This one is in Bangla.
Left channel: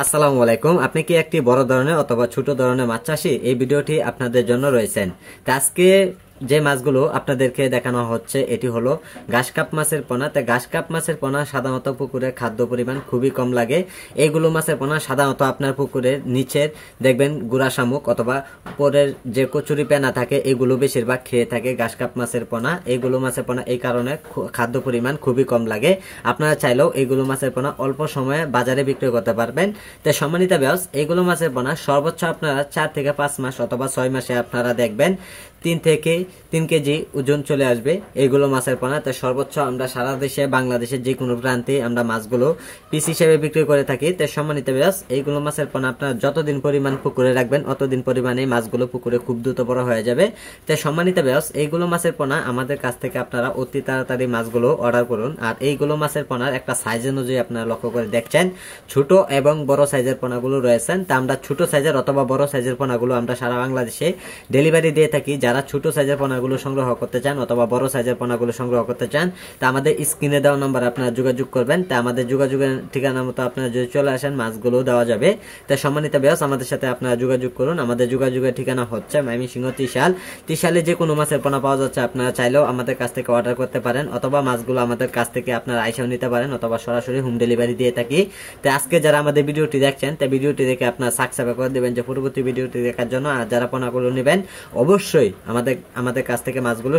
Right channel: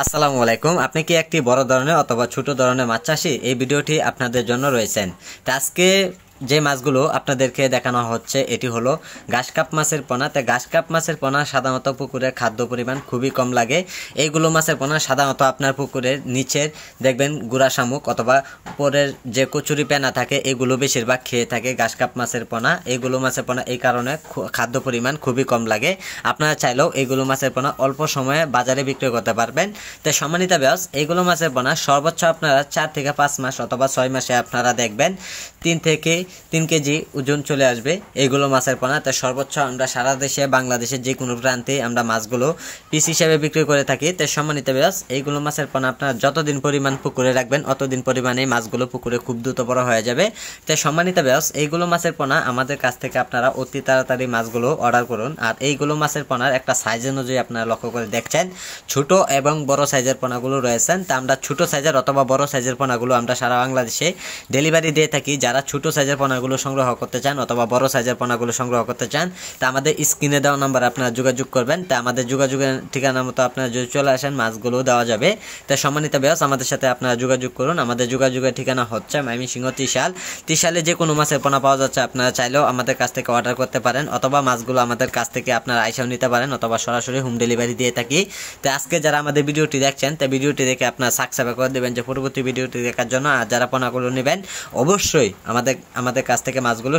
আসসালামু আলাইকুম। আপনি কি একটি বড় ধরনের অথবা ছোট ধরনের মাছ চাষি? এই ভিডিওটি আপনাদের জন্য রয়েছেন। তো আজকে যে মাছগুলো আপনাদেরকে দেখানো হচ্ছে এটি হলো ঘাসকাপ মাছের পোনা। তো ঘাসকাপ মাছের পোনা সাধারণত পুকুরে খাদ্য পরিমাণ খুবই কম লাগে। এইগুলো মাছের পোনা সাধারণত আপনার পুকুরের নিচের দেখবেন গুড়া শামুক অথবা উপরের যে কচুরি পেনা থাকে এগুলো বেশিরভাগ খেয়ে থাকে ঘাসকাপ মাছের পোনা। এইগুলো মাছের পোনা এই কারণে খাদ্য পরিমাণ খুবই কম লাগে। আপনারা চাইলেও এইগুলো মাছের পোনা অল্প সময়ে বাজারে বিক্রি করতে পারবেন। তো সম্মানিত ভিউয়ার্স, এইগুলো মাছের পোনা সর্বোচ্চ আপনারা 4 থেকে 5 মাস অথবা 6 মাসে আপনারা দেখবেন 3 কেজি ওজন চলে আসবে এইগুলো মাছের পোনা। তো সর্বোচ্চ আমরা সারা দেশে বাংলাদেশের যে কোনো প্রান্তে আমরা মাছগুলো পিস হিসেবে বিক্রি করে থাকি। তো সম্মানিত ভিউয়ার্স, এইগুলো মাছের পোনা আপনারা যতদিন পরিমাণ পুকুরে রাখবেন অতদিন পরিমাণে মাছগুলো পুকুরে খুব দ্রুত বড় হয়ে যাবে। তো সম্মানিত ভিউয়ার্স, এইগুলো মাছের পোনা আমাদের কাছ থেকে আপনারা অতি তাড়াতাড়ি মাছগুলো অর্ডার করুন। আর এইগুলো মাছের পোনার একটা সাইজ অনুযায়ী আপনারা লক্ষ্য করে দেখছেন ছোট এবং বড় সাইজের পোনাগুলো রয়েছেন। তা আমরা ছোট সাইজের অথবা বড় সাইজের পোনাগুলো আমরা সারা বাংলাদেশে ডেলিভারি দিয়ে থাকি। যারা ছোট সাইজের পোনাগুলো সংগ্রহ করতে চান অথবা বড় সাইজের পোনাগুলো সংগ্রহ করতে চান তা আমাদের স্ক্রিনে দেওয়া নাম্বার আপনারা যোগাযোগ করবেন। তা আমাদের যোগাযোগের ঠিকানা মতো আপনারা যদি চলে আসেন মাছগুলো দেওয়া যাবে। তাই সম্মানিত ভিউয়ার্স, আমাদের সাথে আপনারা যোগাযোগ করুন। আমাদের যোগাযোগের ঠিকানা হচ্ছে ময়মনসিংহ ত্রিশালে যে কোনো মাছের পোনা পাওয়া যাচ্ছে। আপনারা চাইলেও আমাদের কাছ থেকে অর্ডার করতে পারেন অথবা মাছগুলো আমাদের কাছ থেকে আপনারা আইসাও নিতে পারেন অথবা সরাসরি হোম ডেলিভারি দিয়ে থাকি। তো আজকে যারা আমাদের ভিডিওটি দেখছেন তা ভিডিওটি দেখে আপনারা সাবস্ক্রাইব করে দেবেন যে পরবর্তী ভিডিওটি দেখার জন্য। আর যারা পোনাগুলো নেবেন অবশ্যই আমাদের কাছ থেকে মাছগুলো